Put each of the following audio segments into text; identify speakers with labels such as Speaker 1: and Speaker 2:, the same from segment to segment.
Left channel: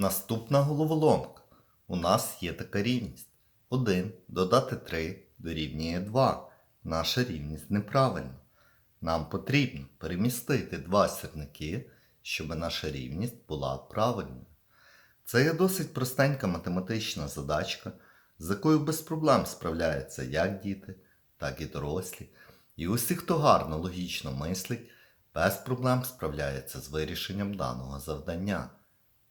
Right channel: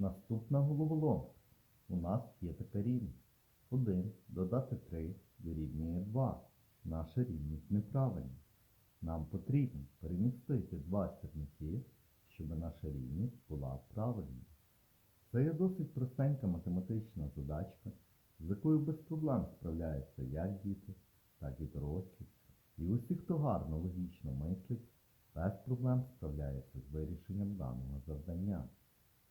Speaker 1: Наступна головоломка. У нас є така рівність. 1 додати 3 дорівнює 2. Наша рівність неправильна. Нам потрібно перемістити два сірники, щоб наша рівність була правильною. Це є досить простенька математична задачка, з якою без проблем справляються як діти, так і дорослі. І усі, хто гарно логічно мислить, без проблем справляється з вирішенням даного завдання.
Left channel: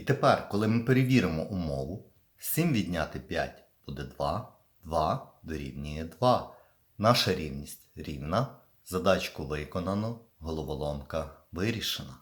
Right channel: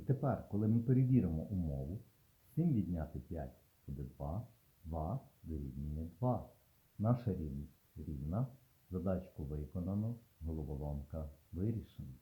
Speaker 1: І тепер, коли ми перевіримо умову, 7 відняти 5 буде 2, 2 дорівнює 2. Наша рівність рівна. Задачку виконано, головоломка вирішена.